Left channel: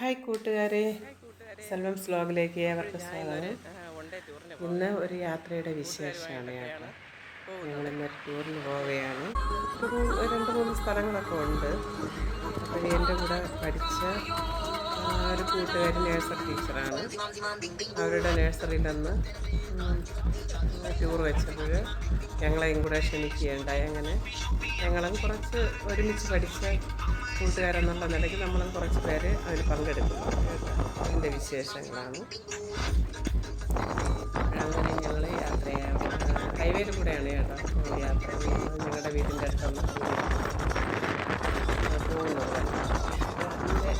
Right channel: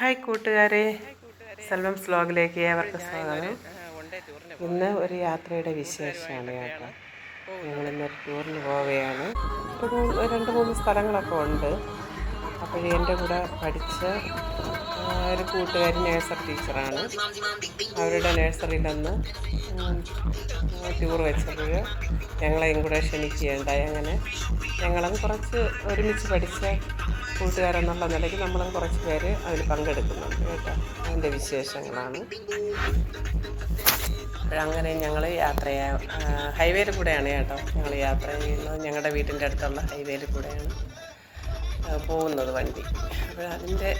Hi കൂട്ടുകാരെ, സെൽവം സ്ലോഗിലേക്ക് ഏവർക്ക് സ്വാഗതം. ഇന്ന് ഒരു യാത്രയുടെ വിശേഷമാണ് കേട്ടോ. ഞങ്ങളിന്നൊരു ടൂറിന് പോവുകയാണ്. രണ്ട് മൂന്ന് സ്ഥലങ്ങളൊക്കെ ഉണ്ട്. അപ്പോഴേ എൻ്റെ കൂടെ പഠിച്ച ഒരു കൂട്ടുകാരി നേഴ്സറി ടീച്ചറാണ്. അവരുടെ നഴ്സറിയിൽ നിന്ന് ടൂർ വെച്ചപ്പോൾ ഞങ്ങളെയും കൂടെ ക്ഷണിക്കുകയുണ്ടായി. അങ്ങനെ ഞങ്ങളും കുറച്ച് ഒരുമിച്ച് പഠിച്ച കൂട്ടുകാരെന്നുള്ള നിലയ്ക്ക് നമ്മളും കുറച്ച് പേര് അതിൽ പങ്കെടുക്കുന്നുണ്ട് കേട്ടോ. അതിൻ്റെ വിശേഷങ്ങളാണ്. അങ്ങനെ ഞങ്ങൾ ഹൈവേയിൽ കൂടെയാണ് കേട്ടോ ഞങ്ങൾ യാത്ര ചെയ്യുന്നത്. ഞങ്ങളുടെ വീടിൻ്റെ അടുത്തുള്ള ഹൈവേയിൽ കൂടെയാണ് പോകുന്നത് വണ്ടി. അപ്പോൾ അതിൻ്റെ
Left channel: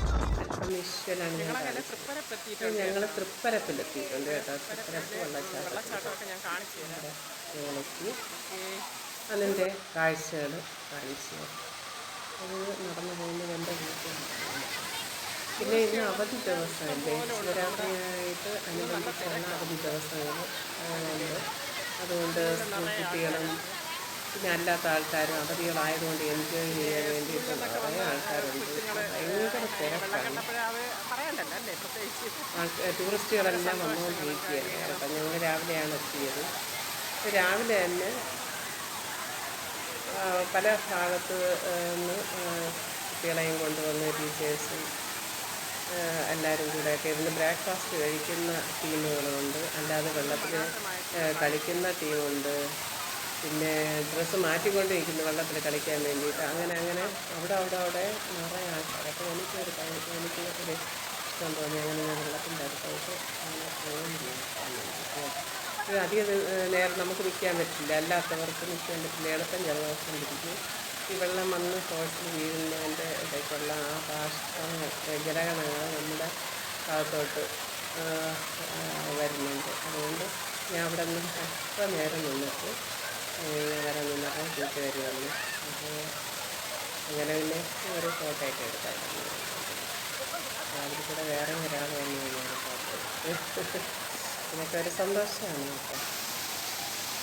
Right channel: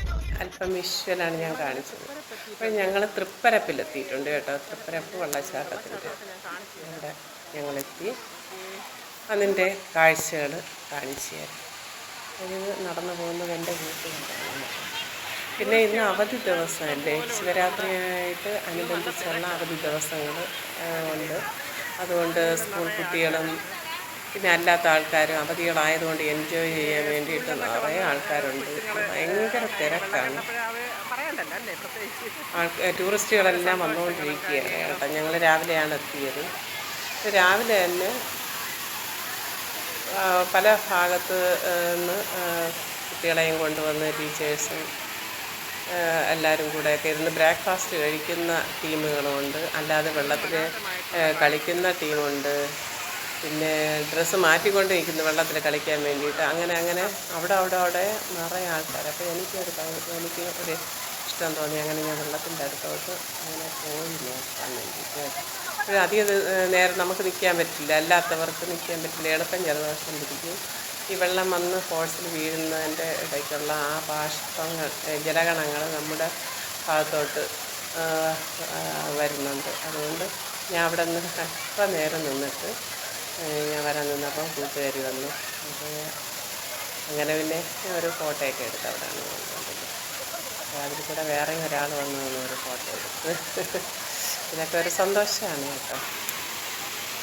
അല്പം വിഷ്വലാണ് ഞാൻ കാണിച്ചത്. അപ്പോൾ ഞങ്ങൾ തൃപ്പരപ്പിലെത്തിയിട്ടുണ്ട് കേട്ടോ. തൃപ്പരപ്പ് വെള്ളച്ചാട്ടത്തിൻ്റെ അവിടെ ഞങ്ങളെത്തി. അതിൻ്റെ കാഴ്ചകൾ കാണിച്ചു തരാം. അത് നടന്നു പോകുന്നത് എൻ്റെ വീട്ടിലാണ്. പിന്നെ ഇന്ന് അവധി ദിവസമല്ലേ, ശിവരാത്രിയായിട്ട് അനുബന്ധിച്ചുള്ള അവധി ദിവസങ്ങൾ ഉണ്ട്. അതുകൊണ്ട് സ്കൂൾ കുട്ടികളും പിന്നെ അല്ലാത്ത ആൾക്കാരും അവധികളായതുകൊണ്ട് എൻജോയ് ചെയ്യാൻ വേണ്ടിയിട്ട് നിറയെ ആൾക്കാരുണ്ട്. ഭയങ്കര തിരക്കാണ്. ടൂറിസ്റ്റുകളെല്ലാം വന്നുകൊണ്ടിരിക്കുകയാണ് കേട്ടോ. ഞങ്ങൾ രാവിലെയാണ് എത്തിയത്. രാവിലെ തന്നെ പല ഭാഗത്ത് നിന്ന് കുട്ടികളെയും കൊണ്ടുവന്ന് ടീച്ചേഴ്സും എല്ലാവരും കൂടെയൊക്കെ ഇരുന്ന് ബ്രേക്ക്ഫാസ്റ്റ് കഴിക്കുന്ന ടീമുകളുമുണ്ട്. അല്ലാതെ വെള്ളത്തിൽ കളിക്കുന്ന ടീമുണ്ട്. പിന്നെ ഡ്രസ്സ് മാറ്റിക്കൊണ്ട് നിൽക്കുന്നു വെള്ളത്തിൽ കളിക്കാൻ വേണ്ടിയിട്ട്. അങ്ങനെ അവിടെ നിറയെ ആൾക്കാർ. അപ്പോൾ എനിക്ക് ഒരു ഇഷ്ടം തോന്നി. അങ്ങനെ ഞാൻ വെള്ളത്തിൻ്റെ അടുത്തോട്ട് അങ്ങനെ പോയി നോക്കാൻ വേണ്ടിയിട്ട്. അധികം നേരം നമുക്ക് നിൽക്കാൻ പറ്റില്ല, അല്ലാത്തവർക്ക് നിൽക്കാൻ പറ്റില്ല. എളുപ്പം ജലദോഷം പിടിക്കും. ഈ വെള്ളം വന്ന് ഫോഴ്സിൽ വീഴുന്നതിൻ്റെ ഇടയ്ക്കുള്ള ആ ബാഷ്പങ്ങൾ ജലകണങ്ങൾ നമ്മുടെ ഭാഗത്തോട്ട് വരുന്നുണ്ട്. അതുകൊണ്ട് ഞാൻ അവിടെ നിന്ന് അല്പം നേരം നിന്നിട്ട് ഞാൻ വരാൻ നിന്നപ്പോൾ കൂട്ടുകാരി വന്നു. അപ്പോൾ അങ്ങനെ പിന്നെ ഒരു ഫോട്ടോയൊക്കെ എടുത്ത് അവിടെയാണ് വന്നത്. അതിൽ കൂടെ വേറെ ഒരാൾ വന്നു ഒരു ഫോട്ടോ എടുത്ത്. ഇതൊക്കെ ഒരു സന്തോഷമാണ് കേട്ടോ.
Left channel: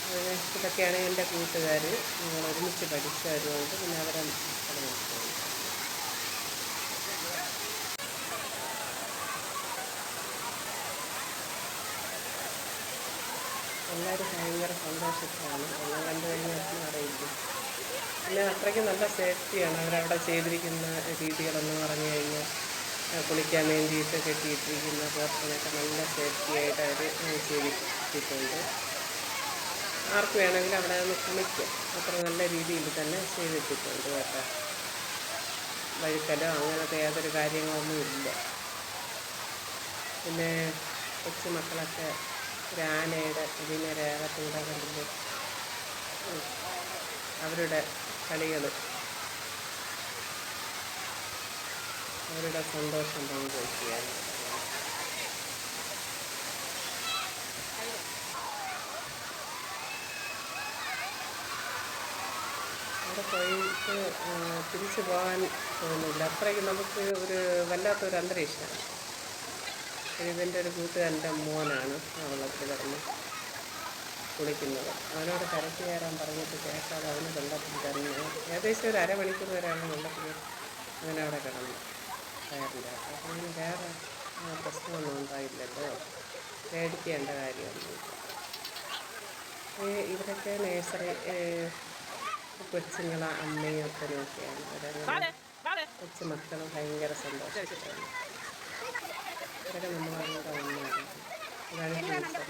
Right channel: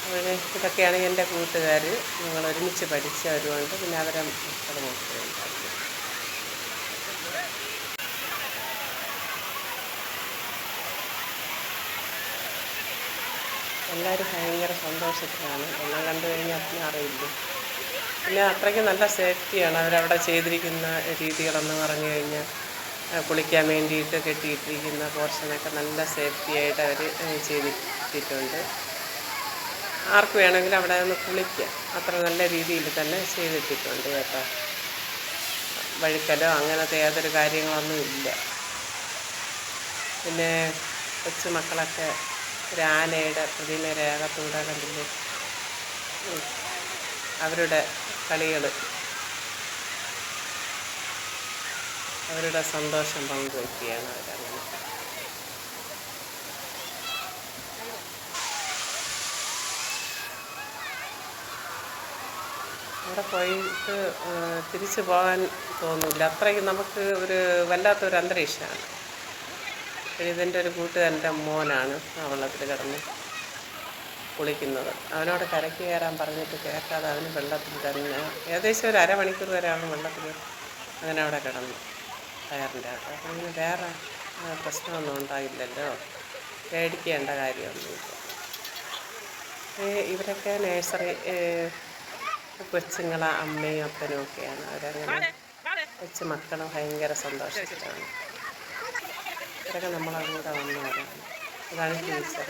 അതുപോലെ ഇതൊക്കെയാണ് എൻ്റെ കൂട്ടുകാർ. ഞങ്ങൾ ഒരുമിച്ച് പഠിച്ചവരുമുണ്ട്. പിന്നെ അവരെ മക്കൾ നോക്കുകയുണ്ടായി. എല്ലാവരും ഭയങ്കര സന്തോഷത്തിലാണ്. എല്ലാം കണ്ടു കഴിഞ്ഞാൽ പിന്നെ അറിയില്ല. പിന്നെ അത്രയ്ക്ക് നല്ല സേഫ്റ്റിയാണ് അവരവിടെ ചെയ്തിരിക്കുന്ന രീതികളെന്ന് പറഞ്ഞു കഴിഞ്ഞാൽ. കുളിക്കാൻ വേണ്ടിയിട്ട് കെട്ടിയിട്ടിരിക്കുന്ന പോർഷനൊക്കെ നല്ല സേഫ്റ്റി ആയിട്ട് അവർ ചെയ്തിട്ടുണ്ട്. ആർക്ക് വേണമെങ്കിലും അവിടെ നിന്ന് കുളിക്കാം. അത്ര നല്ല രീതിയിൽ തന്നെ ചെയ്തിട്ടുണ്ട് കേട്ടോ. വഴുക്കലോ അങ്ങനത്തെ യാതൊരു കാര്യങ്ങളൊന്നും ഇല്ല. പിന്നെ കൊച്ചുമക്കളൊക്കെ ഒരു ആനയുടെ പ്രതിമയുടെ അകത്തൂടെ കണ്ടില്ലേ, അവരുടെ കളികൾ, അവരുടെ സന്തോഷം പങ്കുവയ്ക്കുകയാണ് അവരങ്ങനെ. അവിടെ പോയിട്ട് തിരിച്ചു പോകാൻ തോന്നില്ല. അത്രയ്ക്ക് നമുക്ക് ഒരു വല്ലാത്തൊരു അന്തരീക്ഷമാണ്. ഇതെൻ്റെ ഒരു കൂട്ടുകാരൻ്റെ മോനാണ് ആ വെള്ളത്തിൽ കിടന്ന് കുളിക്കുന്നത്. അവനോട് കരയ്ക്ക് കയറാൻ പറഞ്ഞിട്ട് കേൾക്കാതെ അവന് വെള്ളത്തിൽ തന്നെ ഏകദേശം ഒരു അരമണിക്കൂർ വരെ അവൻ വെള്ളത്തിൽ അങ്ങനെ അവിടെ കിടന്നു ടയറിൻ്റെ അകത്ത്. അപ്പോൾ ഇതിന് വേറെ പ്രശ്നമൊന്നും ഉണ്ടായില്ലല്ലോ, പേടിക്കേണ്ട കാര്യമൊന്നുമില്ല. ഇവരൊക്കെ നേഴ്സറി കൊച്ചുങ്ങളെ അമ്മയും അപ്പനും ഒക്കെയാണ്. അവരങ്ങനെ കൊച്ചു മക്കളും ഭയങ്കര സന്തോഷത്തിലാണ്. ഇവരൊക്കെ നമ്മളങ്ങോട്ട് വന്നവരാണ്. അതാണ് ടീച്ചർ.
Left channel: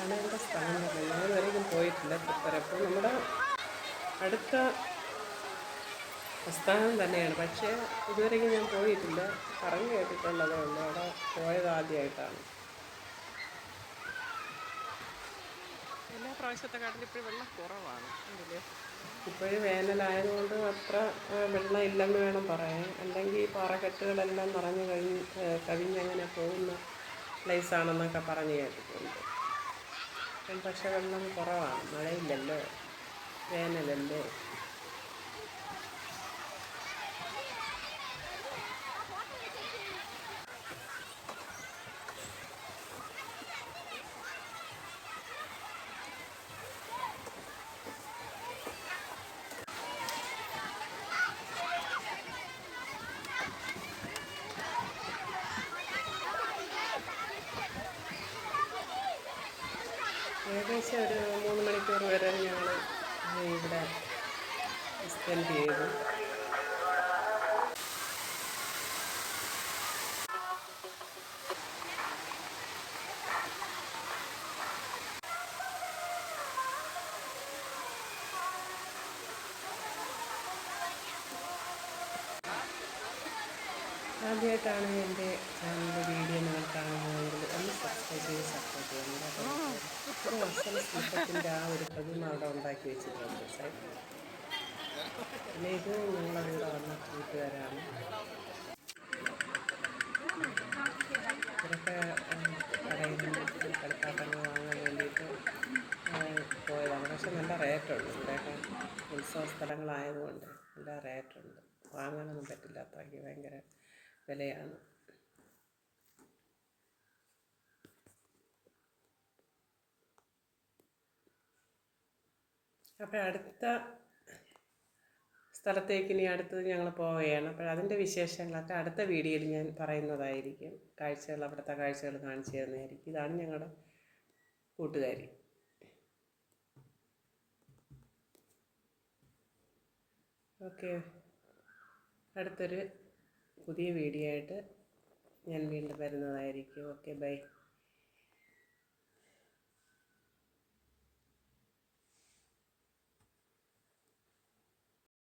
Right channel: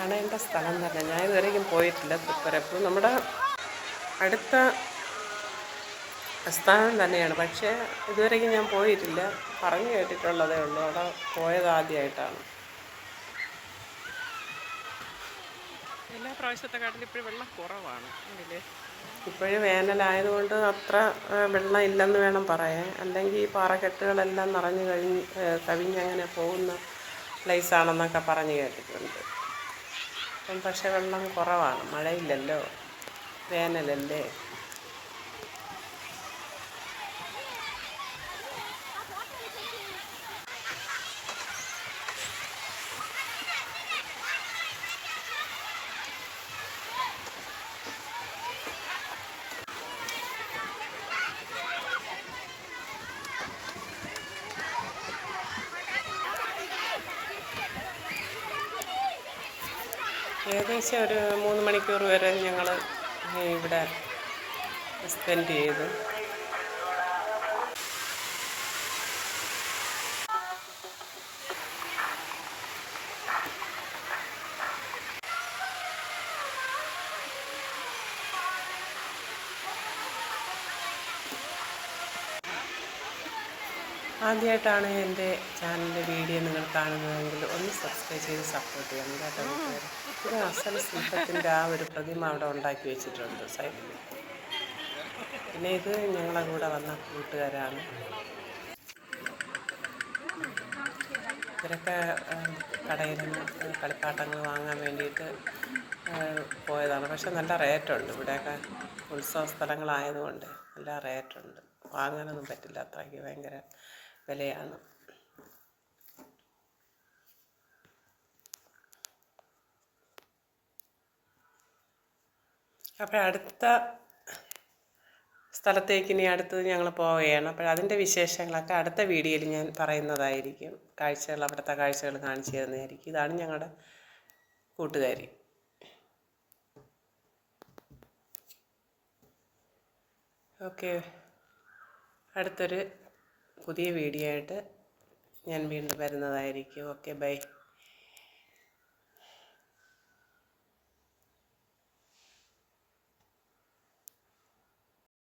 കാണേണ്ട സ്ഥലം തന്നെ. ഞാൻ ഇതുവരെയും പോയിട്ടില്ല തൃപ്പരപ്പ്. നമ്മുടെ അടുത്ത സ്ഥാനം തന്നെയാണ്, പക്ഷേ ഇതുവരെയും ഞാൻ പോയിട്ടില്ല. പറഞ്ഞു കേട്ടിട്ടുള്ളതേ ഉള്ളൂ. അവിടെ പോയത് ആദ്യമായിട്ടാണ്. എല്ലാ പ്രാവശ്യത്തെക്കാട്ടിലും ഇപ്പോഴും വെള്ളം കുറവാണ്. ഉണ്ടല്ലേ, ഇപ്പോഴും വേനലായതുകൊണ്ട് അത്ര വെള്ളം ഇല്ലെന്ന് വേണം പറയാൻ. അല്ലെങ്കിൽ ഈ പാറക്കെട്ടുകളെല്ലാം നിറഞ്ഞു കവിഞ്ഞങ്ങനെ പോകുന്ന പ്ലേസാണെന്നൊക്കെ പറഞ്ഞു കേട്ടിട്ടുണ്ട്. ഇപ്പം പക്ഷേ വെള്ളം കുറവാണ്, മഴയില്ലല്ലോ, വേനലല്ലേ. ഏകദേശം ഒരു 3 മണിക്കൂർ വരെ ഞങ്ങൾ ഇവിടെ സ്പെൻഡ് ചെയ്തു. ആദ്യമായിട്ടാണ് എൻ്റെ ചാനലിൻ്റെ വീഡിയോ നിങ്ങൾ കാണുന്നതെങ്കിൽ ഒന്ന് സബ്സ്ക്രൈബ് ചെയ്ത് സപ്പോർട്ട് ചെയ്യണം കേട്ടോ. പിന്നെ അസൽ ശില്പത്തിൻ്റെ ആ ഒരു പ്രതിമ അവിടെ ഉണ്ടാക്കി വെച്ചിട്ടുണ്ട് സൈഡിൽ. പിന്നെ ഇത് ഞങ്ങളെ കൂടെ വന്ന കൂട്ടുകാരാണ്. ഇവരൊക്കെ കടയിൽ നിന്ന് കളിപ്പാട്ടങ്ങൾ വാങ്ങാൻ വേണ്ടിയിട്ട് പോയതാണ്. പക്ഷെ നല്ല റേറ്റുണ്ട് ഇവിടെയൊക്കെ, ഉത്സവ സ്ഥലങ്ങളായതുകൊണ്ട് നല്ല റേറ്റുണ്ട്, വാങ്ങാനൊന്നും പറ്റില്ല, അത്രയ്ക്ക് ഭയങ്കര വിലയാണ്. അപ്പോൾ അടുത്ത സ്ഥലത്തേക്ക് ഇനി അടുത്തത് ഞങ്ങൾ പോവുകയാണ്. അപ്പോൾ അതിൻ്റെ വിശേഷങ്ങളൊക്കെ അടുത്ത വീഡിയോയിൽ ഞാൻ പറയുന്നതായിരിക്കും. കാഴ്ചകൾ, അവിടുത്തെ കാഴ്ചകൾ കാണിച്ചു തരുന്നതായിരിക്കും. ഇതാണ് ഞങ്ങളുടെ കൂട്ടുകാരി. ഓക്കെ, അടുത്തൊരു പുതിയ വീഡിയോ ആയിട്ട് ഞാൻ വീണ്ടും വരുന്നതായിരിക്കും. Okay, by.